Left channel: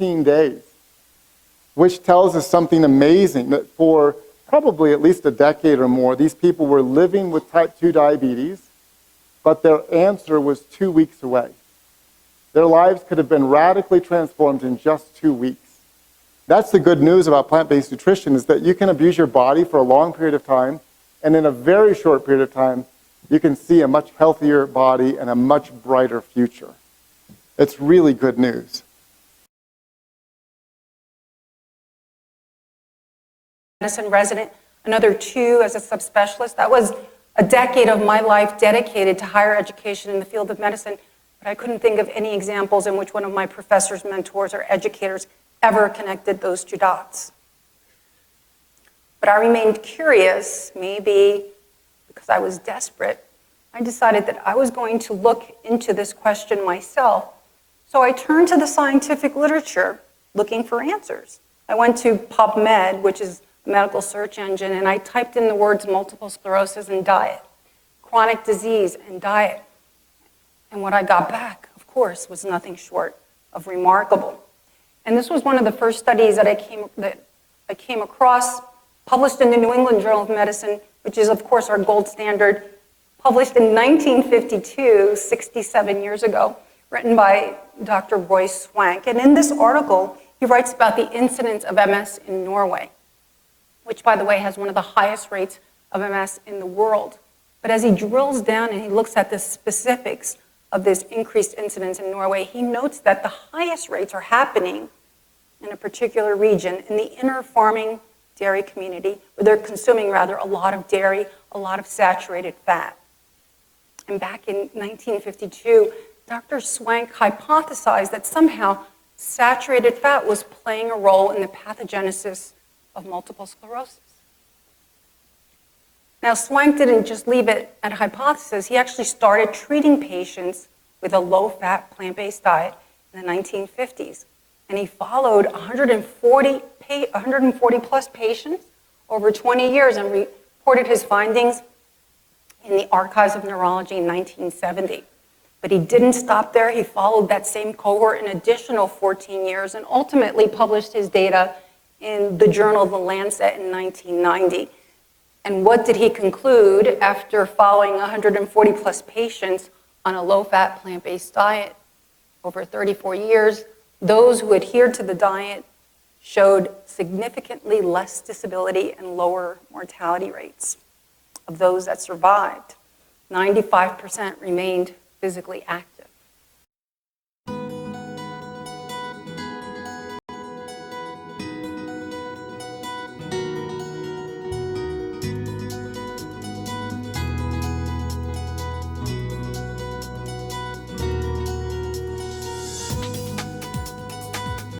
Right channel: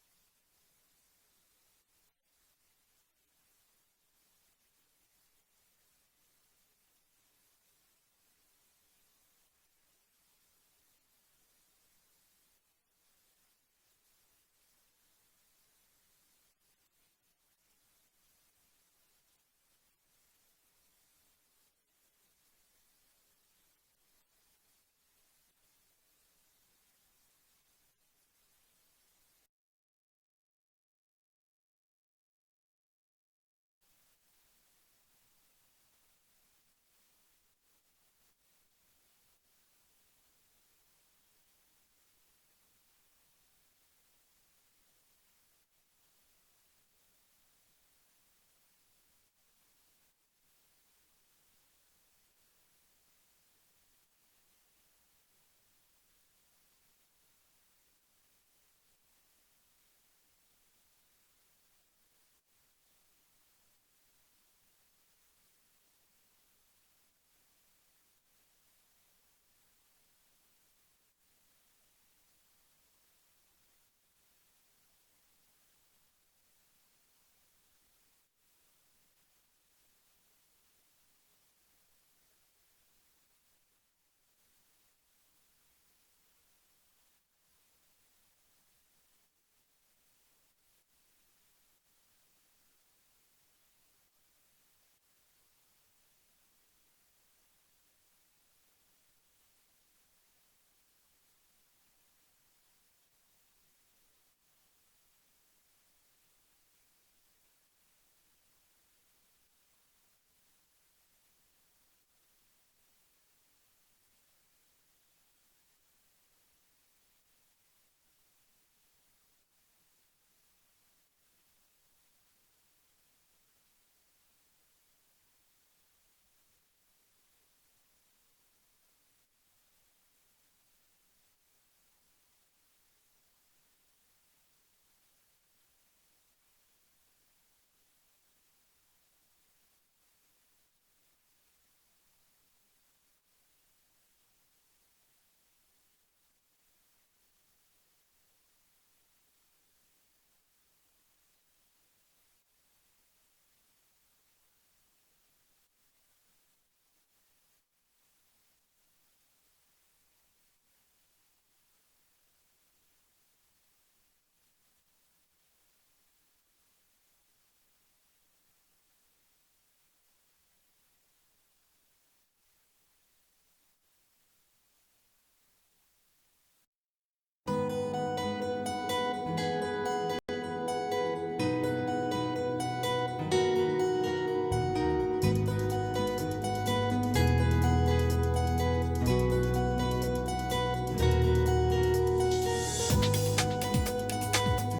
16 days, which tells us something amazing, that for probably at least a decade or more, these people were living with type 2 diabetes, but their answer was 2 weeks away. Their lives could have been radically transformed in just 2 weeks. That's the good news about plant-based nutrition, is that you can abuse your body for a long period of time, and in a very short period of time, you can see a much healthier body and a much brighter future. It's really good news. Medicine resident, another 2 as a subspecialist. That was a decade of my life dedicated to higher education in the field of medicine, but I couldn't think of any examples in which one of my professors, mentors, or educators ever connected those 2 dots. But I remained curious, maybe because I was desperate. I decided that I was going to look into this question myself. So I turned to the scientific literature looking for answers. I went to PubMed, which is a medical search engine, and I typed in the words multiple sclerosis and diet, chronic disease and diet. And what I got back, of course, was nothing short of remarkable. And this was one of the first studies that I came across, published in the New England Journal of Medicine, which is, of course, our gold standard, published in 1952, 67 years ago, written by Dr. Roy Swank. And in this article, he writes about the incidence of MS in Norway, which, by the way, has one of the highest rates of MS in the world. But as he drills down and he looks at the specifics of this increased incidence in Norway, he notes that the highest rates are happening in a particular region, in the inner farming dairy community, where they're consuming rather a lot of dairy, a lot of saturated fat. And back in 1952, Dr. Swank hypothesized that somehow saturated fat was playing a role in the pathogenesis of multiple sclerosis. Now, Swank didn't just leave it at hypothesis. He actually started treating patients with a low-fat, plant-based diet in the 1950s. And he followed 140 plus patients over 20 years and reported his findings in the Archives of Neurology in 1970. But he didn't stop there. He followed that same cohort an additional 14 years and ultimately published his data in the Journal of The Lancet in 1990. And what did he conclude after following 140 plus patients on a low-fat, plant-based diet over 34 years? Those who adhered to the diet showed significantly less disability and lower mortality rates. Of those that survived, 95% remained physically active.